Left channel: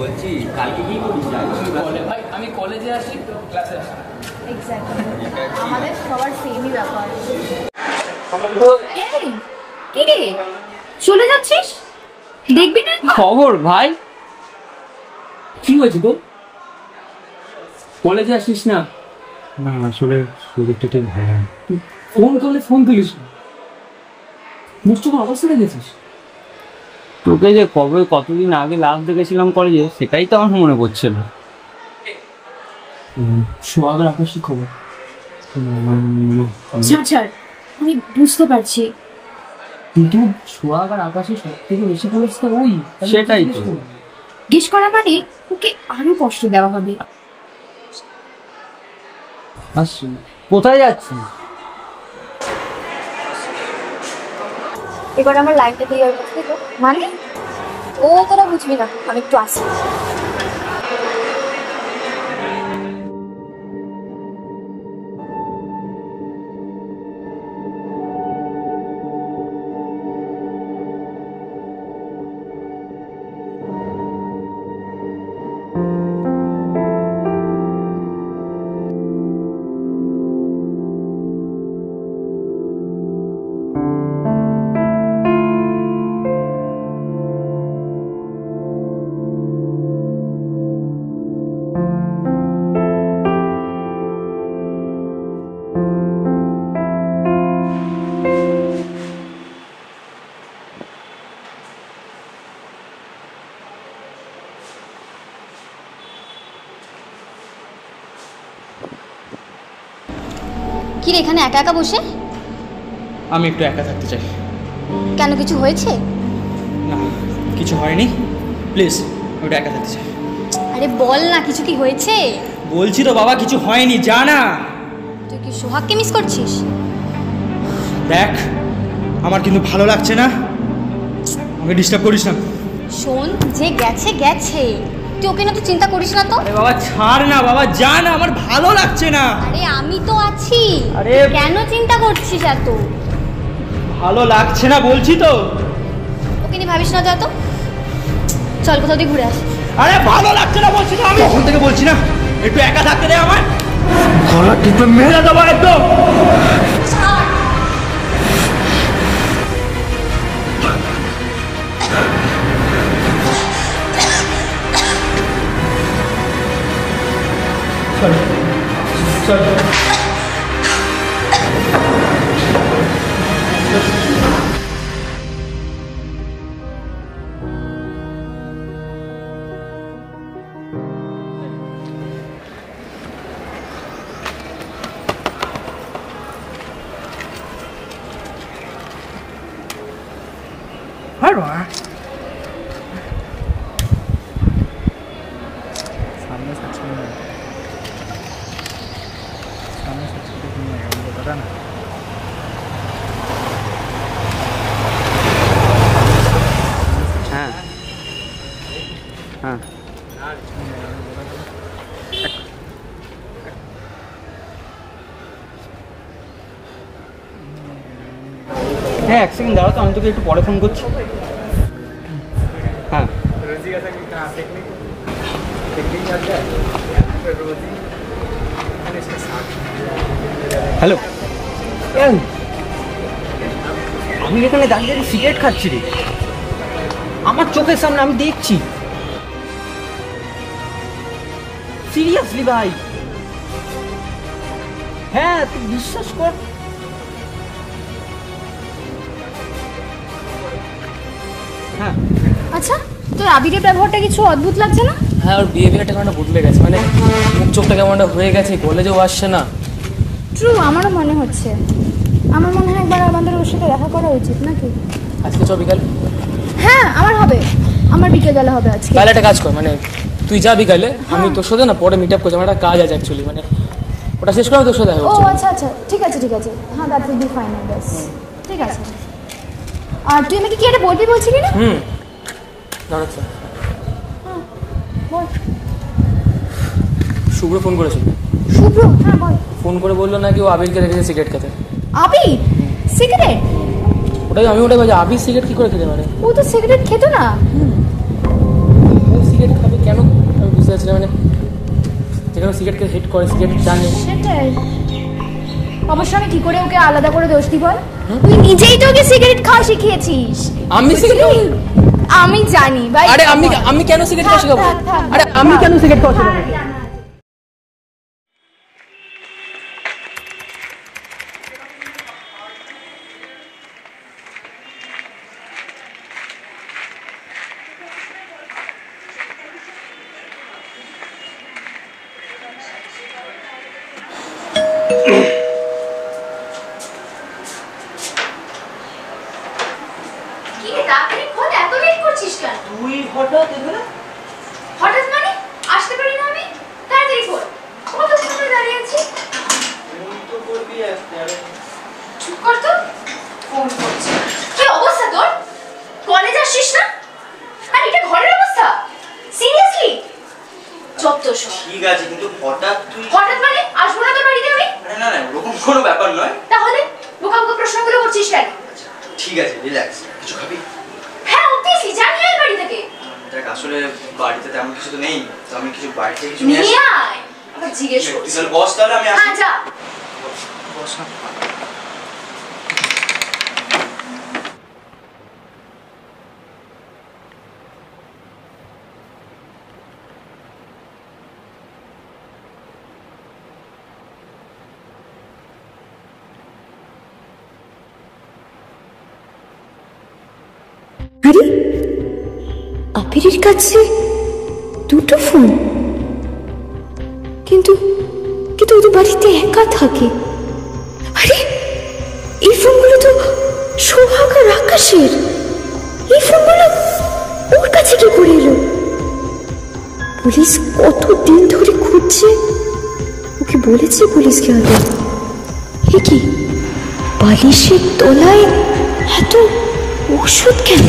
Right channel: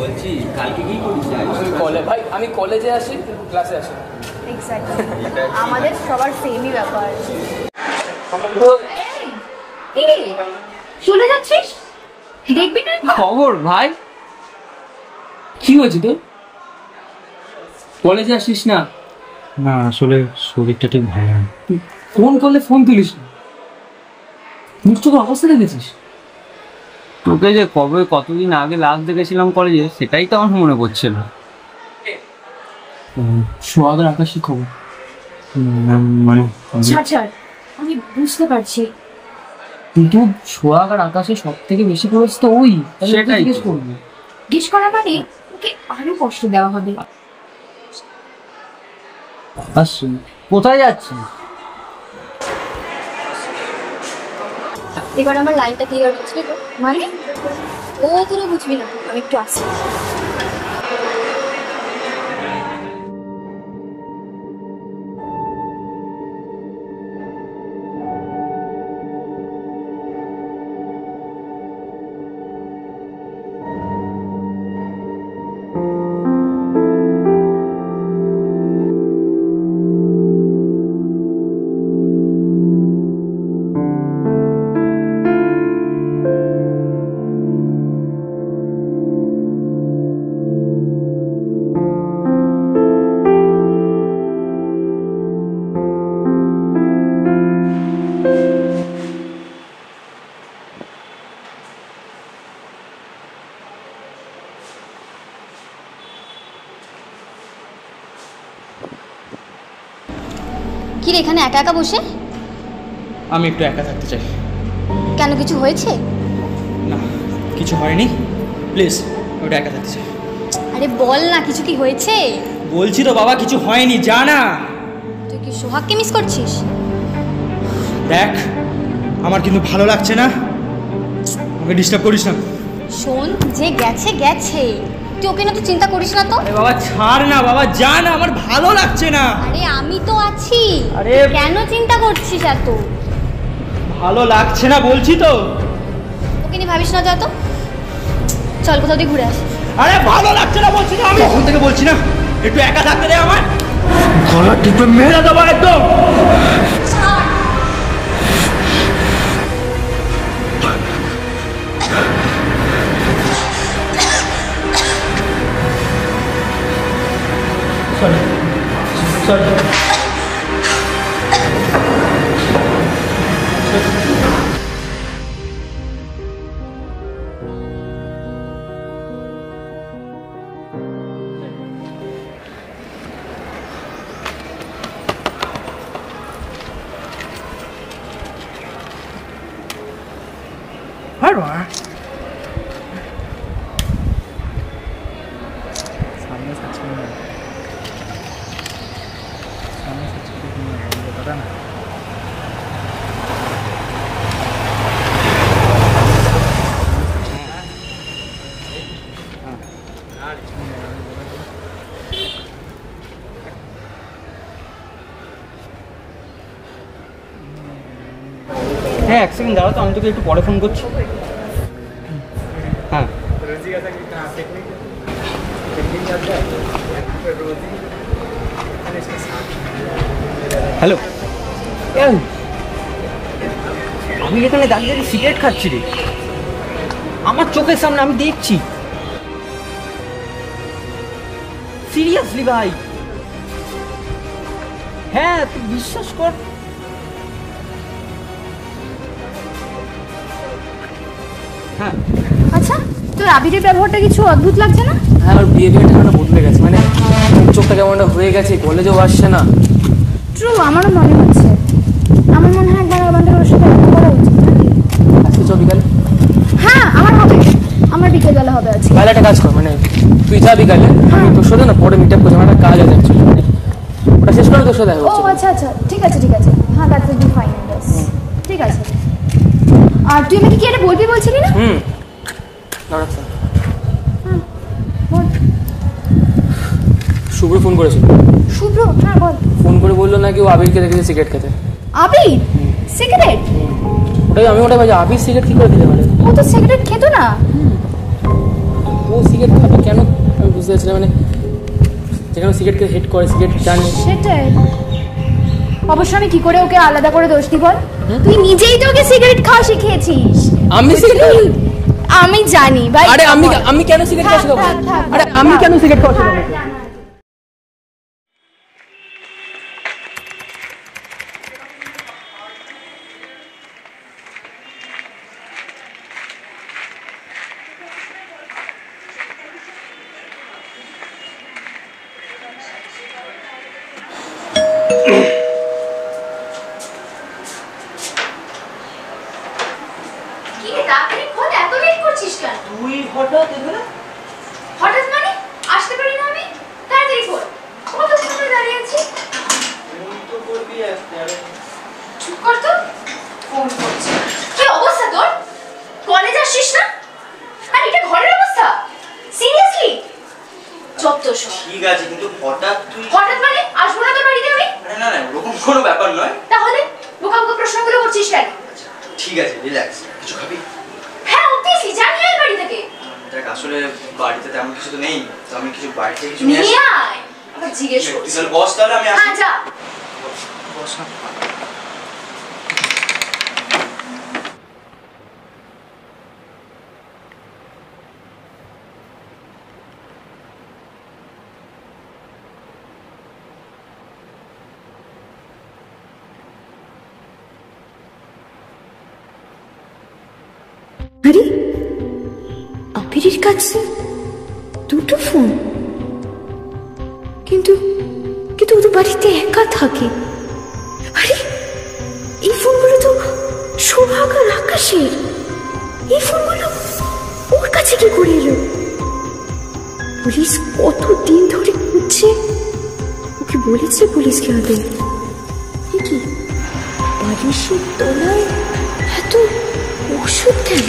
বলছি কালকে কি করিস? ভাই আমি কলেজে আসি, ক্লাসে আসি। আমাদের সবার সেমই ব্যাপার। কি রে চলে যাচ্ছিস? দেখবি না? খবর ভাই, কি হয়েছে তোর? কলেজে আসিস না? না আসলে শরীরটা ঠিক ভালো না। ফোন করলে ফোন তুলিস না, মুখটার অবস্থা দেখেছিস? তোকে যে কবে কতদিন আগে লাস্ট দেখেছিলাম কলেজে, সেটাই তো আমার মনে পড়ছে না। সোহাগের আকাশী খবর মানে ছাড়, আমি বুঝতে পারছি, কিন্তু সোহাগ আর আকাশে সব থেকে বেশি পড়েছে তো ওই। সেটাই তো। জিজ্ঞেস করা মানে ওকে আরো কষ্ট দেওয়া হবে। কোথায় যাচ্ছিস? এবার আমার লাইনটা ক্লিয়ার বুঝলি তো? মানে ও তোরা বুঝবি না, আমি একটু আসছি। কি রে এখানে একা একা বসে? আমি একটু একা থাকতে চাই। কেন, কিছু হয়েছে? না কিছু হয়নি, প্লিজ আমি একটু একা থাকতে চাই। আরে বল না, কিছু কি হয়েছে? বলছি তো বাবা কিছু হয়নি, যা না। তুই কি সোহাগকে মিস করছিস? দেখ আমার কিন্তু ভালো লাগছে না, আমাকে ডিস্টার্ব করিস না। শোন, যে গেছে গেছে, তুই ওকে না তো চিন্তা করিস না তো। আরে বাবা ছাড় না বাবা, যা না, আমার ভালো লাগছে না। আরে আমি তো আছি, আরে কেন চিন্তা করছিস এত? ভালো লাগছে না বলছি তো। ওকে নিয়ে ভাবিস না, যা তো, চল কোথাও দিয়ে ঘুরে আসি। আরে ভালো লাগছে না বলছি না, আমি তখন থেকে বলছি না একটু একা থাকতে দে আমার। গলা টিপে মেরে দেবো একদম। Sorry. হ্যাঁ এক সেকেন্ড দাঁড়াও তো, আমি তোকে একটু পরে ফোন করছি। হ্যাঁ হ্যালো, আমি এখানে দাঁড়িয়ে দাঁড়িয়ে সিগারেট খাচ্ছি রে, আমার চোখের সামনে আমি দেখছি। সিরিয়াসলি ভাই, হ্যাঁ তুই বিশ্বাস কর। হ্যাঁ আচ্ছা, তোর আবিরের ব্যবহারটা কিছু অদ্ভুত লাগছে না? হ্যাঁ, ওর বিহেভিয়ারটা কেন বদলে গেছে, মানে চোখটা কেমন হয়ে গেছে, কলেজেও আসছে না। ট্রু, আমারও মনে হচ্ছে। আমার মনে হয় একবার আমাদের ওর সাথে দেখা করা উচিত নাকি? আজকে চ বিকালে। হ্যাঁ আমার হবে, আমার বিকেলবেলা হবে আজকে। তাহলে একটা কাজ কর, মানে তুই যা বিকালে, আমি তোর সাথে না পরে মিট আপ করছি, আমার একটা কাজ আছে অ্যাকচুয়ালি, মানে ওটা শেষ করে তোর সাথে দেখা ও করছি। আচ্ছা আচ্ছা, ঠিক আছে ঠিক আছে, হ্যাঁ দ্যাট উইল বি ফাইন। ঠিক আছে। আর তুই আমাকে কি এটা বলবি বলছিলি না? দাঁড়াচ্ছা, হ্যাঁ বল। শুভ্র ফোন করেছিল। শুভ্র? হ্যাঁ বল। ফোন করে বললো নাকি ও আবিরকে দেখেছে সিগারেট খেতে। আবির সিগারেট? ওটাই আমি ভাবছি, আবির সিগারেট কি করে খেতে পারে? ও তো সিগারেট খেত না। ও সিগারেট খাবে কেন আমি বুঝতে পারছি না, মানে যেখানে সিগারেটকে হেড করে সিগারেট জানে। সেটাই, অবশ্য আমি কি করে ওকে আলাদা করে দোষ দিব? তুই নিজেই তো ওকে সিগারেট খাওয়া শিখিয়েছিস। আমি সিগারেট, আমি জানি ভাই। আরে আমি কেন সিগারেট খাওয়া শিখাবো? আরে আমি কেন সিগারেট খাওয়া শিখাবো? তুই হঠাৎ এখানে? হঠাৎ মানে আসতে পারি না আমি? তাড়াতাড়ি বল, কত সময় দাঁড়িয়ে আছি? ফোন তো করবি একটা। চুপ কর তো, ফোন করছি। কি অবস্থা তোর? কলেজ আসছিস না? আর এটা ঘরের অবস্থা? সিরিয়াসলি? যত সব। ঠিক আছে, কিন্তু হঠাৎ তুই? হঠাৎ মানে আসবো না তোর বাড়িতে আমি? আরে না না, ওরকম কোনো ব্যাপার নয়। তাহলে বোকা বোকা প্রশ্নগুলো করছিস কেন? ঠিক আছে, রিল্যাক্স। কিছু খাবি? হ্যাঁ অবভিয়াসলি, জানি আয় বাড়ি থেকে। দেখ আসলে বাড়িতে তেমন কিছু তো নেই, তো আমি কিছু বাড়ি থেকে কিছু নিয়ে আসি। নিয়ে আয়, আবার জিজ্ঞেস তুই করছিস। তাহলে বস, তাহলে আমি আসি। হ্যাঁ যা। বস না। আরে আবিরের কাছে দুটো ফোন, কিন্তু কিন্তু ওদের বাড়িতে একা থাকে। আরে এই ফোনগুলো তো সোহাগ আর আকাশের। এই ফোনগুলো ওর কাছে কি করে এলো? পুলিশ কতদিন ধরে খুঁজছে, ওকে বলেছে পুলিশকে আগে। এ কি বালিশের তলায় এত ওষুধ কেন?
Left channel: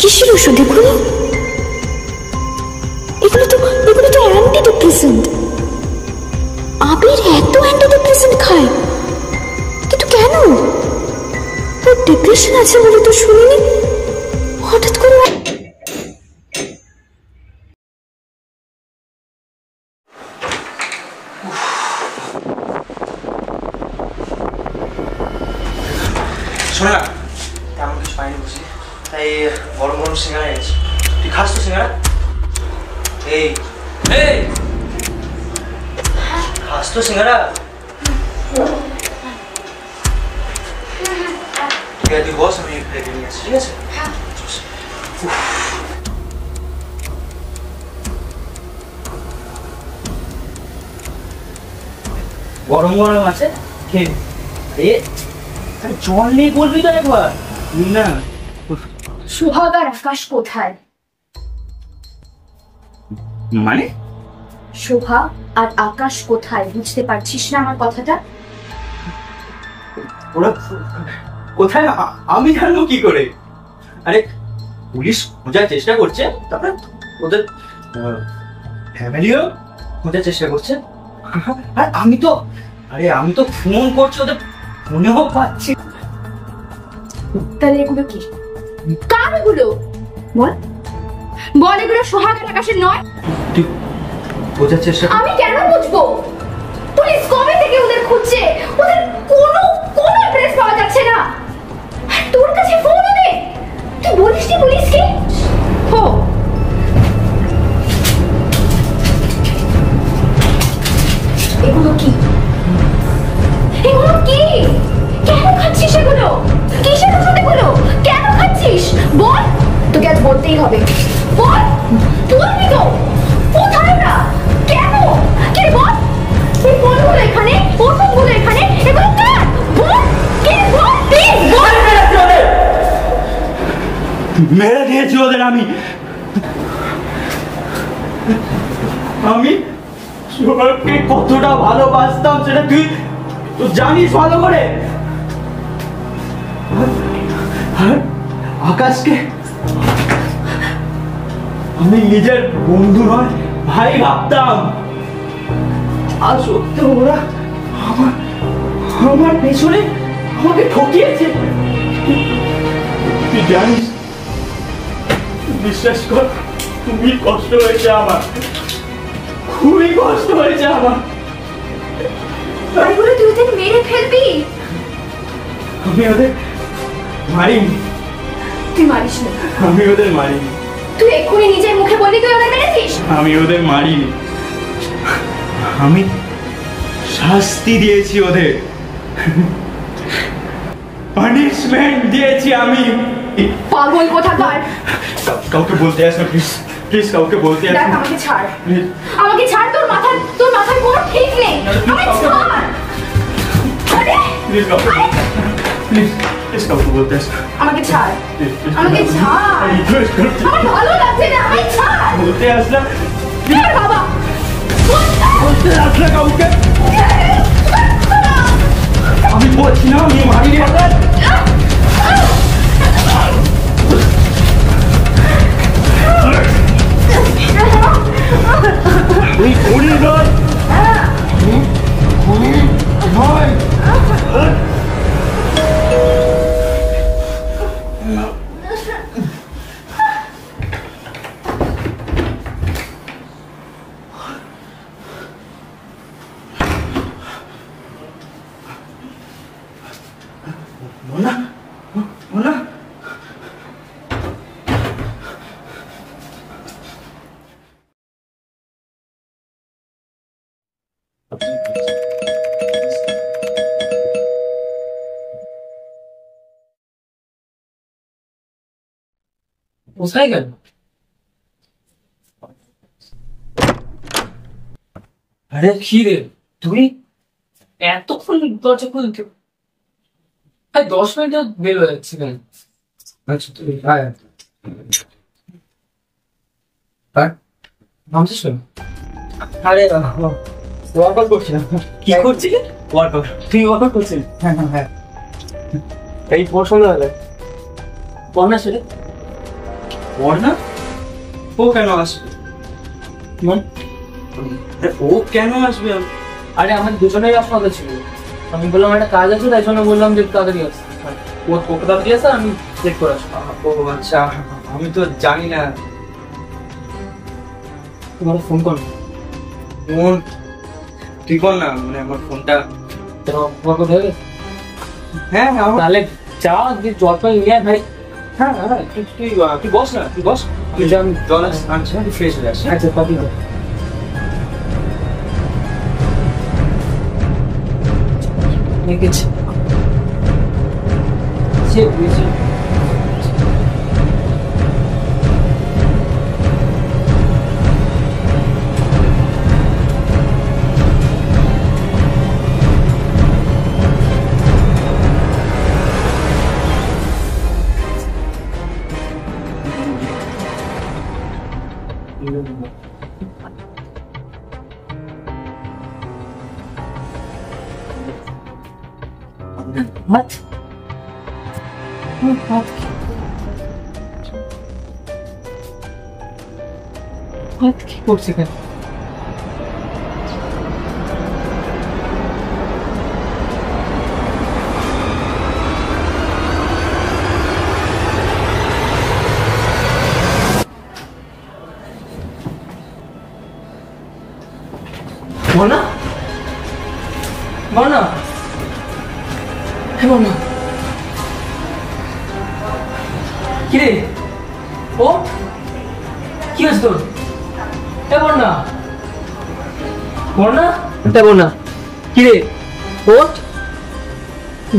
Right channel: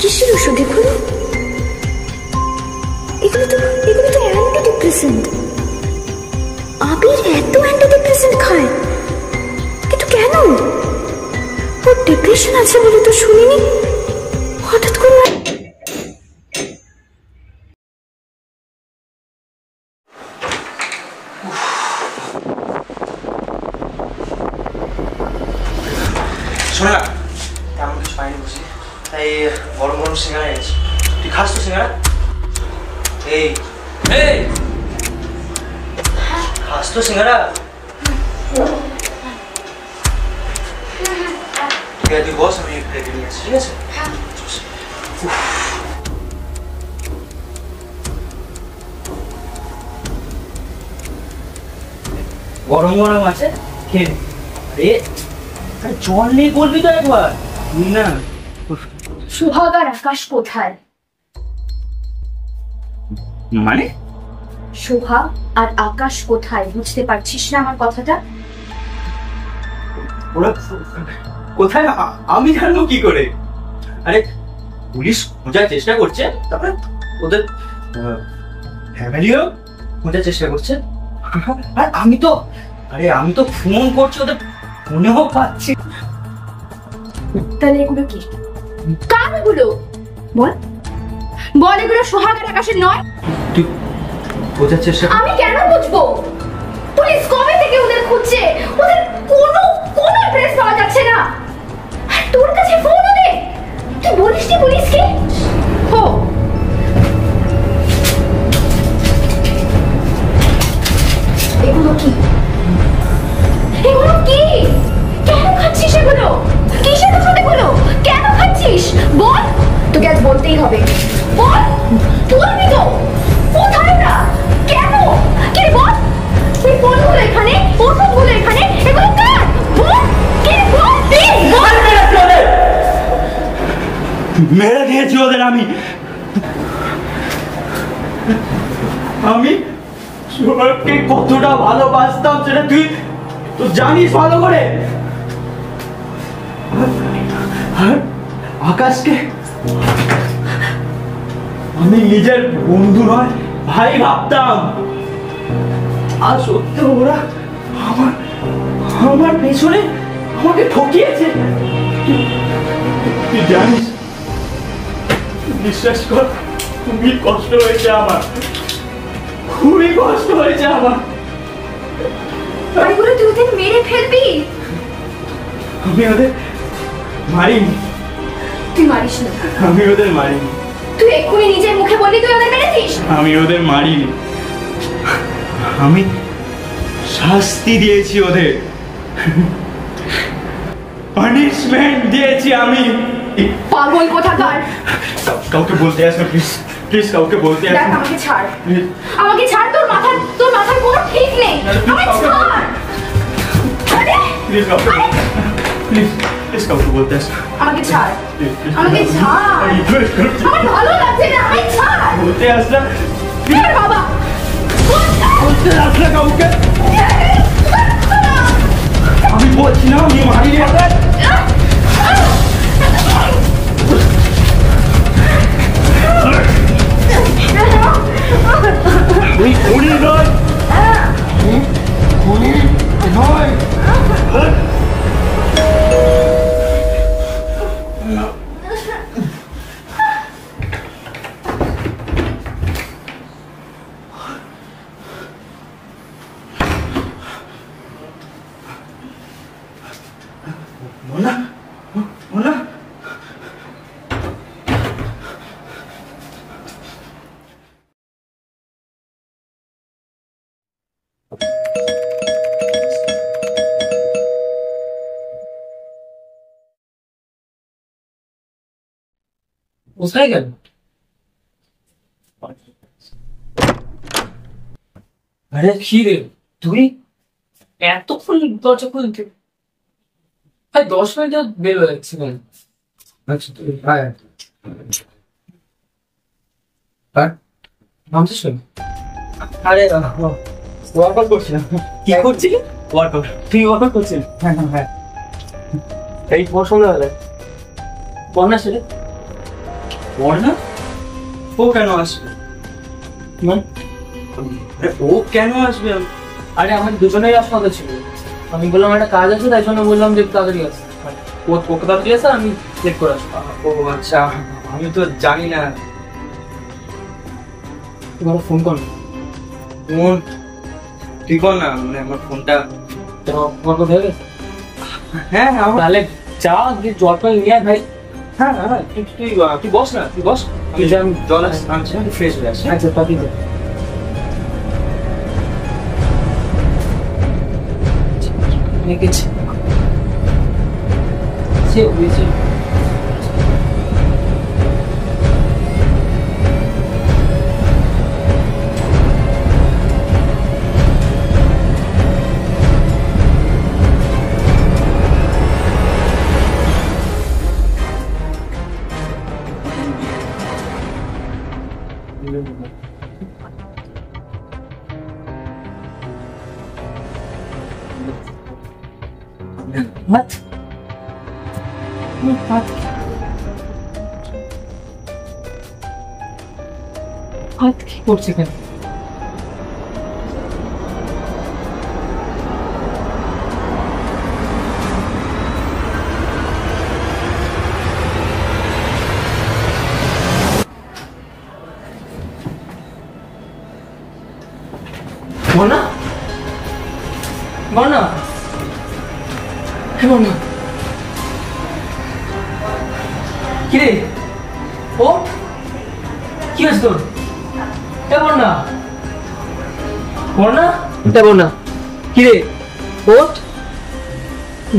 কিসের ওষুধ এগুলো? এগুলো তো অ্যান্টিডিপ্রেসেন্ট। আবির এত অ্যান্টিডিপ্রেসেন্ট খায়, কিন্তু কেন? ওর ডিপ্রেশন আছে বলে তো শুনিনি। হঠাৎ করে শোনা, তেমন কিছু পাইনি বুঝি, তাই গরম গরম সিঙ্গারা এনেছি। তুই খাস তো সিঙ্গারা? এই এই খাস তো সিঙ্গারা? ঠিক আছে, তুই বস, আমি রেডি নিয়ে আসছি। ঠিক আছে? গরম গরম আছে, খেয়ে নে। আরে জল নেই বলবি তো একবার, না। সোহাগ আর আকাশ কোথায়? মানে সোহাগ আর আকাশ কোথায়? বুঝতে পারছিস না আমার কথাটা? ওরা কোথায় আমি জানবো কি করে? আরে পুলিশ খোঁজার চেষ্টা করছে, তারপরে ওদের ফ্যামিলিও খোঁজার চেষ্টা করছে। আর আমি তো ফোন করছি, ওদের ফোনেও পাচ্ছি। তাহলে এগুলো কি? কার এগুলো? বল বল, এগুলো সোহাগ আর আকাশের নয়? তুই খোঁজার চেষ্টা? আমি কেন বুঝবো? পুলিশ কবে থেকে ওদের খুঁজছে, ওদের কোনো অ্যাড্রেস পাওয়া যাচ্ছে না। আর তোর কাছে ফোন ওদের, তুই বলিস নি পুলিশকে? হো, এগুলো কি? এগুলো কি? কেন খাচ্ছিস এগুলো? কিসের ওষুধ এগুলো? কেন খাচ্ছিস? বল, তোকে আজ বলতেই হবে। বল, বলবি তো? কোথায় না? কেন? কে বল? এই ফোনগুলো এখানে, ওষুধগুলো এখানে, এগুলো কার? বল, কে? বল প্লিজ, বল। মেরে দিয়েছি ওদের আমি সোহাগকে কতটা ভালোবাসতাম সেটা তুই তো জানিস ভালো করে। আর আকাশকে আমি নিজের বন্ধু নয় ভাই ভাবতাম, আর সত্যি ওরা আমার পেছনে আমাকে ঠকিয়েছে। তুই জানিস বিশ্বাস কর, খুবই কষ্ট হয়েছে আমার, খুবই কষ্ট হয়েছে আমার। ওইগুলো তুই ওদের মেরে ফেলবি? আমি ওদের মারিনি। তুই মারিস না। আমি ওদের মারিনি। তুই এক্ষুনি নিজের মুখে বললি তুই ওদের মেরেছিস। আমি ওদের মারিনি, আমি শাস্তি দিয়েছি ওদের, পানিশমেন্ট দিয়েছি আমি। পাগল কোথাকার। কাউকে বলতে আসো প্লিজ, প্লিজ কাউকে বলতে দেখ আসো। আমাকে ছাড়, আমাকে ছাড়। তোর মাথার কোনো ঠিক নেই। আমাকে ছাড়। আরে প্লিজ কাউকে, প্লিজ প্লিজ কাউকে বলতে আসো। আমাকে ছাড়, আমাকে ছাড়। আমি রিকোয়েস্ট করছি, আমার ভালো লাগছে না, আমাকে ছাড়। বলতে আসলাম, ছাড় বাবা। বলতে আসলে কাউকে। আমি বলছি না আমি মারিনি ওদের। তুই খুনি নয়, খুনি নয়। মোনা, মোনা, কোথায় গেল? আরে কি রে তুই এতক্ষণ দরজা খুলতে? ভাই 10 মিনিট বের হয়ে যাচ্ছে কেন? আচ্ছা তুই আয়। নামছিস কেন? আরে ওয়ার্কআউট করছিলাম। কি করছিলি? ওয়ার্কআউট। তুই ওয়ার্কআউট করছিস? হ্যাঁ হ্যাঁ হ্যাঁ, এই পর সন্ধ্যাবেলায়। বন্যা ছেলে বর্ণা ও কেন আসবে? আরে ও কেন আসবে? আরে আমার দুজনেই রাস্তা ছিল। আমি বললাম একটা কাজ আছে, তাই জন্য বললাম যে তাড়াতাড়ি আস। ও ওকে তাড়াতাড়ি আসে, আমি চেক করে আসবো। ও আচ্ছা, আমি তো জানি না। তোমার ফোন কর। ফোন তুই কর না, মানে আমার ফোনটা। তোমার কথা হয়ে গেছে? হ্যাঁ হ্যাঁ তাহলে চা দিয়ে জল পাই নিয়ে আয় ভাই। হ্যাঁ হ্যাঁ, তুই বস না, তুই বস। তুই যা, আমি জল আনছি, ফ্রেশ হয়ে আসছে। আচ্ছা পাবি তো। গেছে সে বুঝেছে। What? What? What কি করছে এখানে? বনা? বনা? বনা? কি রে? ও? কি হয়েছে তোর? বনা? বনা? বনা? কি রে? ওঠ?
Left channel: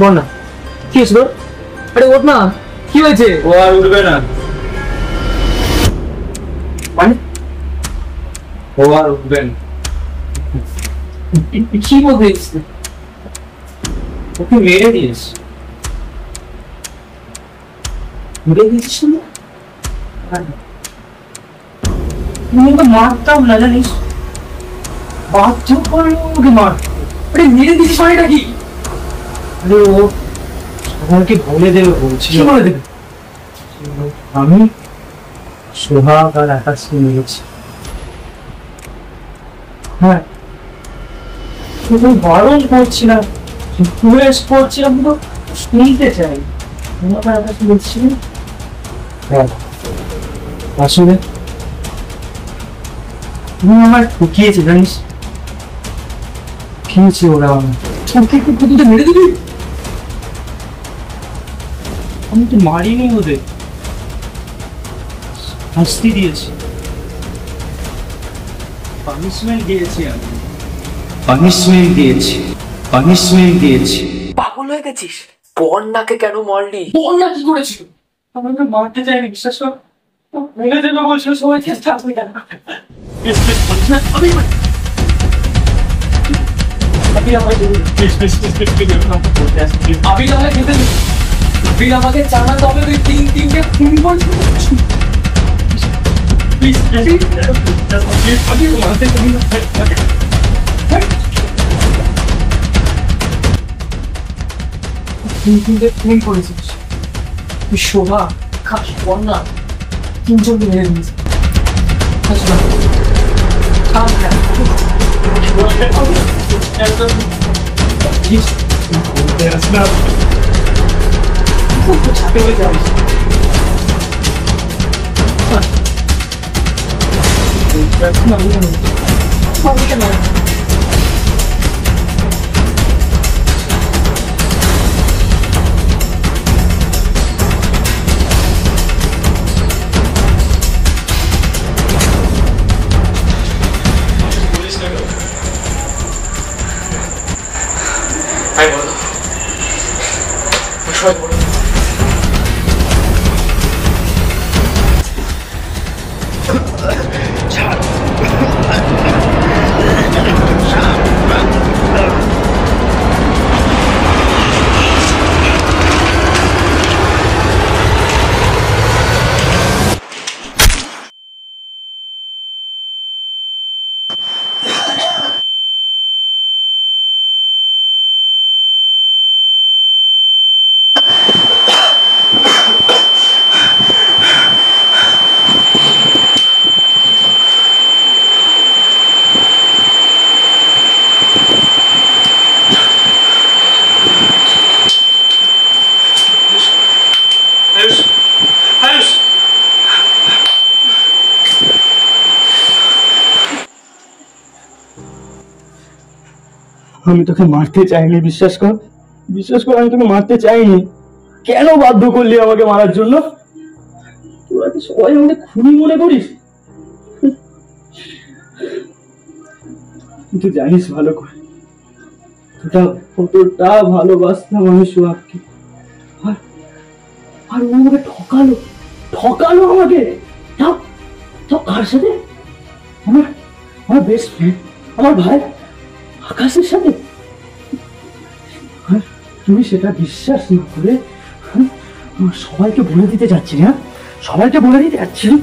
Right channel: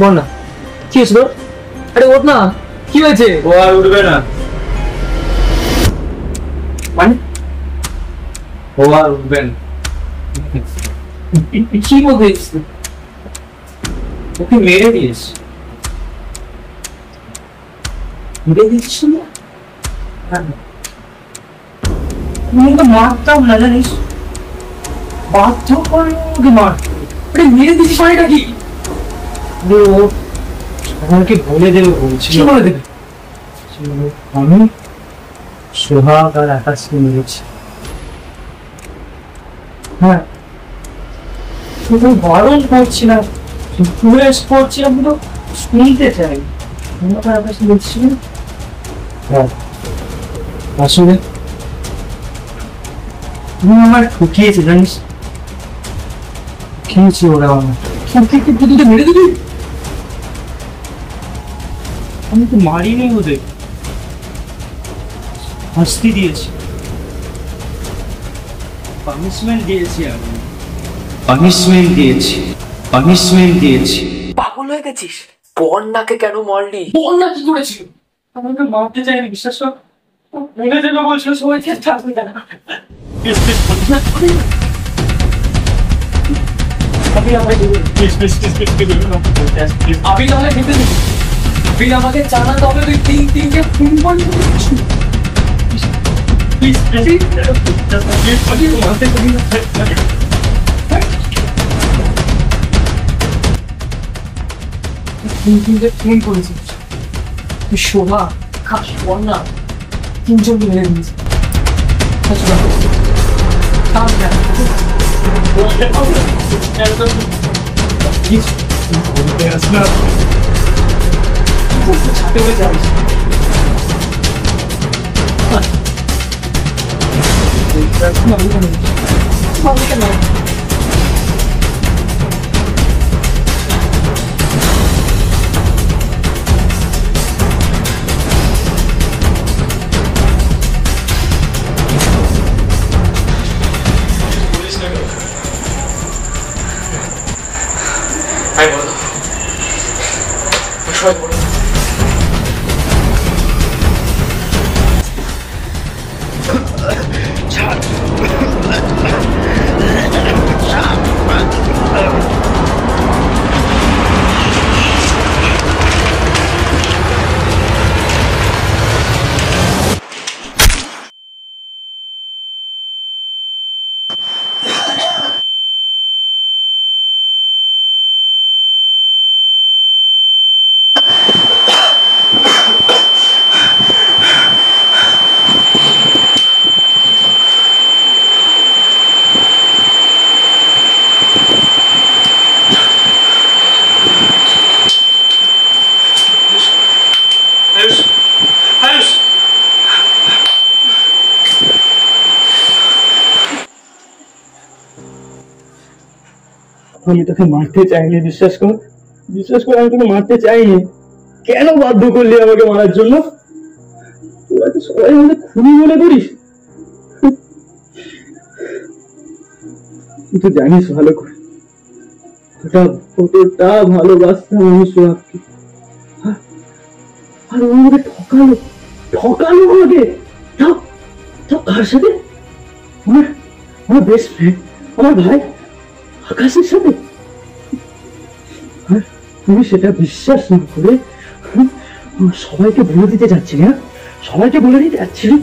বনা? কি হয়েছে তোর? আরে ওঠ না, কি হয়েছে? ও আর উঠবে না, মানে ও আর উঠবে না। কি বলছিস? ওকে মেরে দিস। মেরে দিচ্ছিস না? আমি তো মারতাম না জানিস, বাধ্য করে ওকে মার। আরে মেরে দিচ্ছিস মানেটা কি? আরে ও আমাকে বলে দেবে বলছিল। কি বলে দেবে? আমি সোহাগ আর আকাশকে মেরেছি। হ্যাঁ, শুধু বারণ করছিলাম, রিকোয়েস্ট করছিলাম, কিন্তু শুনতে চাই। আকাশ বলছিলেন আসলে তুমি আমার ঠকিয়েছে জানিস, খেয়েছি ওরা আমার ঠকিয়ে দুটো মেরে দিবি। আমি তো মারিনি ওদের, শাস্তি দিয়েছি, পানিশমেন্ট দিয়েছি, আমি পানিশমেন্ট দিয়েছি, পানিশমেন্ট দিয়েছি। পাগল হয়ে গেছিস? বন্যাকে কেন মারলি? বন্যা কি করেছিল? আমাকে মারতে চাইনি, বিশ্বাস কর। মেরে দেবে বলছিল সবাইকে, থাকবি না। আবির আমাকে খেতে দিবি, আবির আমাকে জানাতে হবে তুই তিনটে খুন করছিস। প্লিজ তিনটে খুন করেছিস তুই, শোভা, খাস, বন্যা, তিনজনকে মেরে দিয়েছিস। ছাতে হয়ে যাবিস। আমি তোকে মারতে চাইনি, বিশ্বাস কর, বিশ্বাস কর, আমি তোকে মারতে চাইনি। কেন বাধ্য করলি আমাকে মারার জন্য? তোরা কি সবাই আমাকে খুনি মনে করিস? তুই তো জানিস ভালো করে কতটা ভালোবাসতাম আমি সোহাগকে, আর ও আমাকে ঠকালো, ঠকালো আমাকে। তাও তাও কার সাথে? আমার বেস্ট ফ্রেন্ড, আমার ভাই আকাশের সাথে। তুমি সেটা বিশ্বাস না করে সবাইকে বলে দিতে যাচ্ছিলে, হ্যাঁ, সবাইকে বলে দিতে যাচ্ছিলে।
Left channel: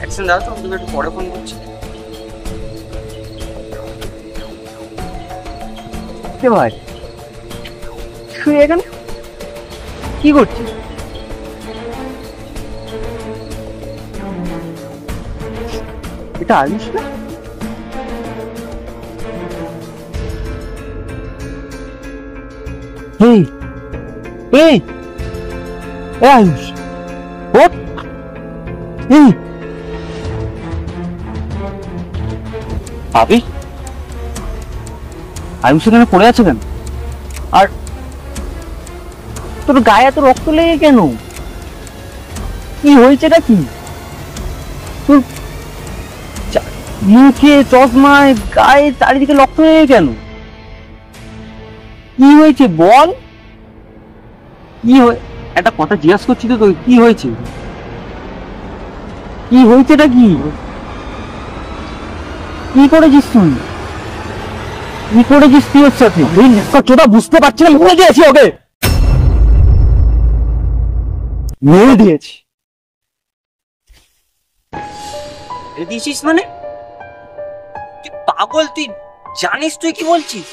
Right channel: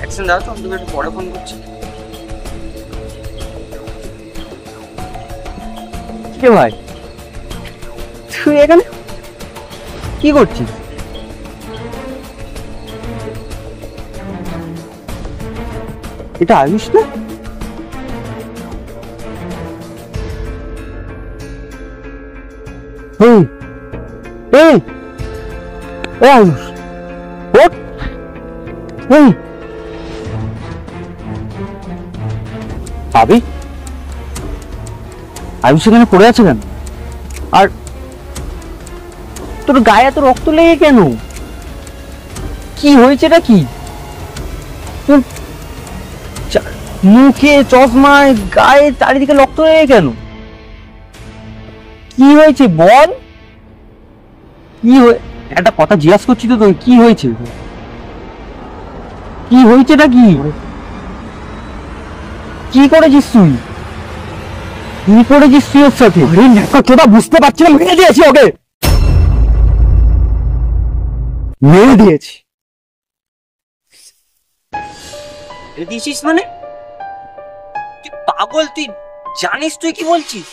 অ্যাকশন দাও তো, আমি তোকে একটু পরে ফোন করছি। কে ভাই তুই এখানে কি করছিস? এটা আয়ুষ না? এই এই এ আয়ুষ ওঠ। এই আবি, আয়ুষ এখানে পড়ে আছে কেন? আর তোর গায়ে এত রক্ত লেগে কেন? কি হয়েছে নাকি? তোর মুখে, চশমায়, গায়ে চারিদিকে রক্ত লেগে কেন? কি হয়েছে বল? কি একটা কথা জিজ্ঞাসা করছি তো তোকে, কি হয়েছে? কি হয়েছে নাকি? কি করেছিস তুই? কি করেছিস তুই ওর সাথে? তোরা বুঝতে পারছি না, মেরে দিয়েছি ওকে, মেরে দিয়েছি। মেরে দিয়েছিস মানে? তুই পাগল, তুই জানিস তুই কি বলছিস?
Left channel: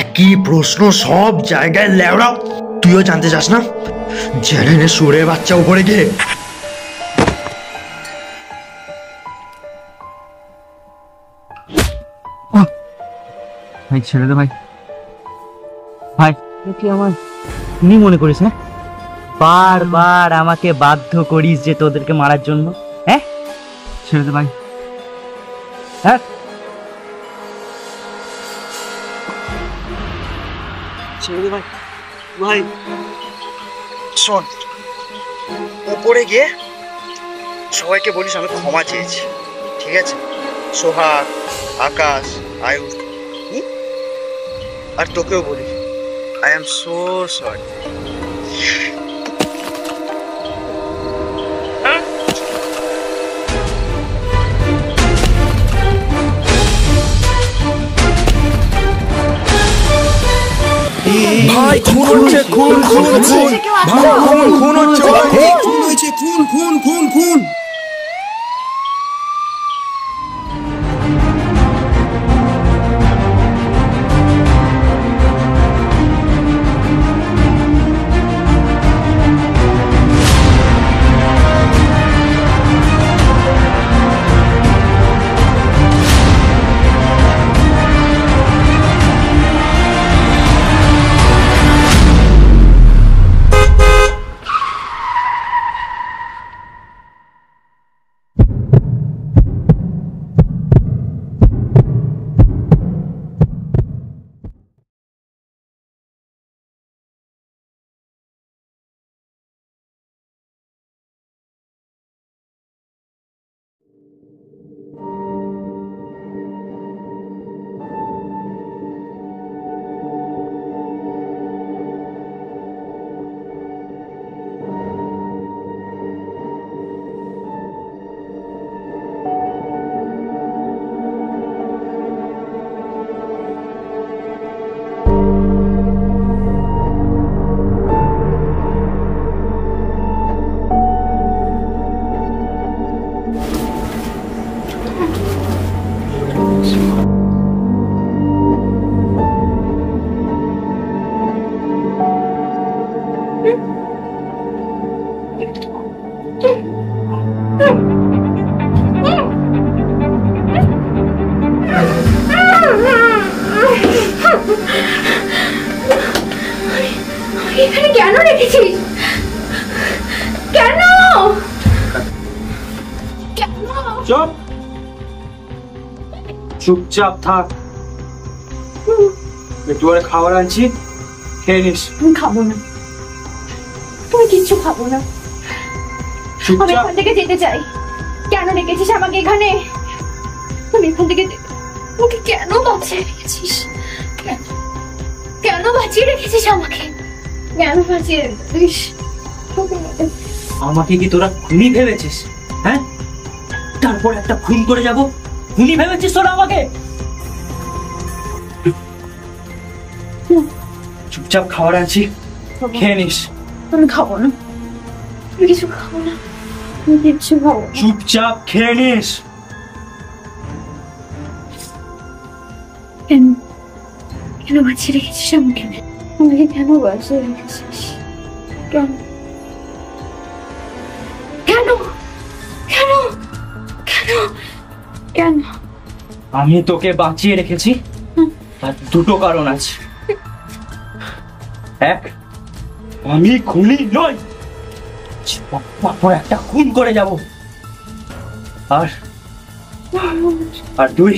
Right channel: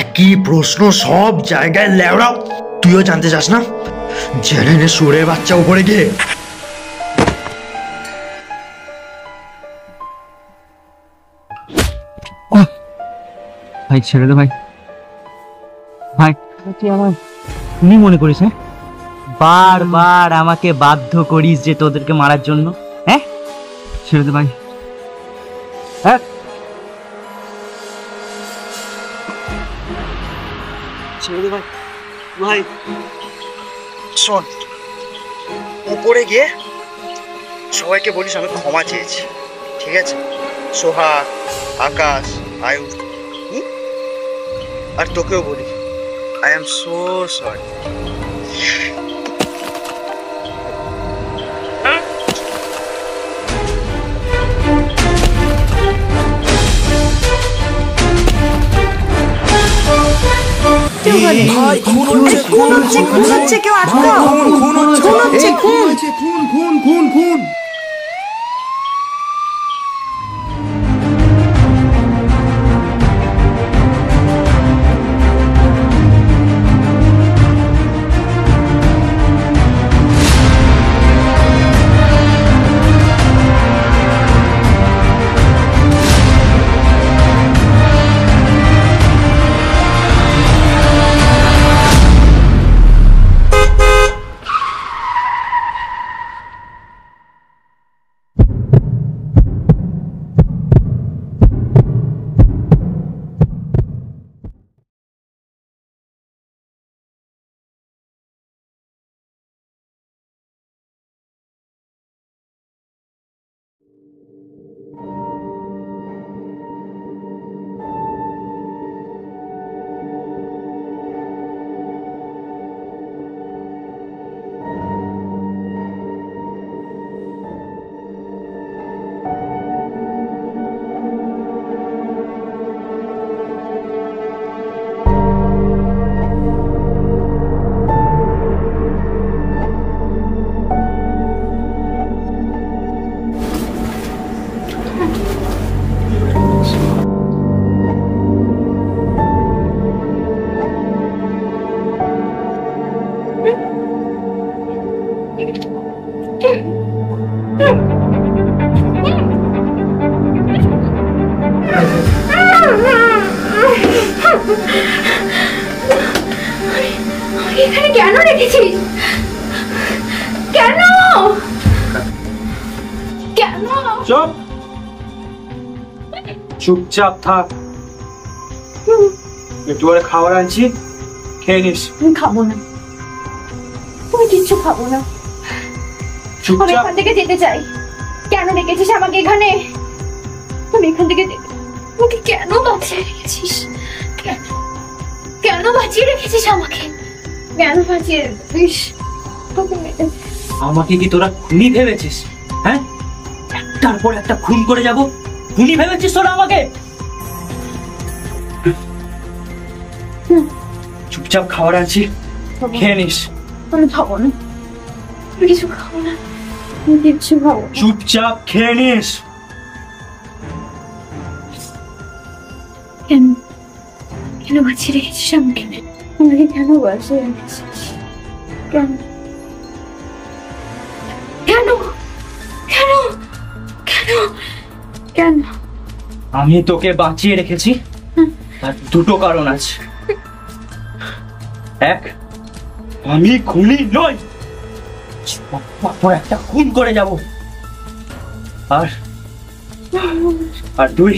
একই প্রশ্ন সব জায়গায় লেওড়াও, তুইও জানতে চাস না? জেনে নে সুরে বাচ্চা উপরে গিয়ে। ভাই ছেড়ে দে ভাই, ভাই তুই আমার কি মনে করিস? হ্যাঁ, বারবার আমাকে বাধ্য করিস যে তোদেরকে মারার জন্য। হ্যাঁ ছেড়ে দে ভাই। হ্যাঁ ছেড়ে দে ভাই। ভাই শোন, উপরে গিয়ে সবাইকে বলিস আমি ক্ষমা চেয়েছি, ঠিক আছে? সোহাগ, আকাশ, আয়ুষ, আর তোকেও বলি আই এম সো সরি। ভাই খুন হচ্ছে, খুন খুন খুন, ভাই খুন খুন হচ্ছে, খুন হয়েছে, খুন খুন খুন খুন। এখানে কেন রেখেছিস? কেন কেন? চুপ, চুপচাপ থাক। একটু পরে খাবার আনছি, খেয়ে নিস। আমি খাবো না, তুমি কিচ্ছু খাবো না। আমি এখান থেকে যেতে চাই। কেন রেখেছিস আমাকে এখানে? আমি এখান থেকে আমাকে কেন বাঁচিয়ে রেখেছিস? কেন বাঁচিয়ে রেখেছিস আমাকে? কেন বাঁচিয়ে রেখেছিস? আমাকে কি তোরা খুনি ভেবেছিস? হ্যাঁ, তারপর একটা খুন করে যাব, খুনি ভেবেছিস তোরা আমাকে? চুপচাপ খাবার আনছি, খেয়ে নিস। আমি খাবো না, আমি কিছু খাবো না। কিচ্ছু ভালো না। চুপচাপ খেয়ে নিস। কেন কেন বাঁচিয়ে রেখেছিস আমাকে? আমাকে কেন বাঁচিয়ে রেখেছিস? কেন কেন কেন কেন কেন? আমি তোকে বাঁচিয়ে রেখেছি তার দুটো কারণ আছে। এক, আমি খুনি নই, পর একটা খুন করে যাব। আর দুই,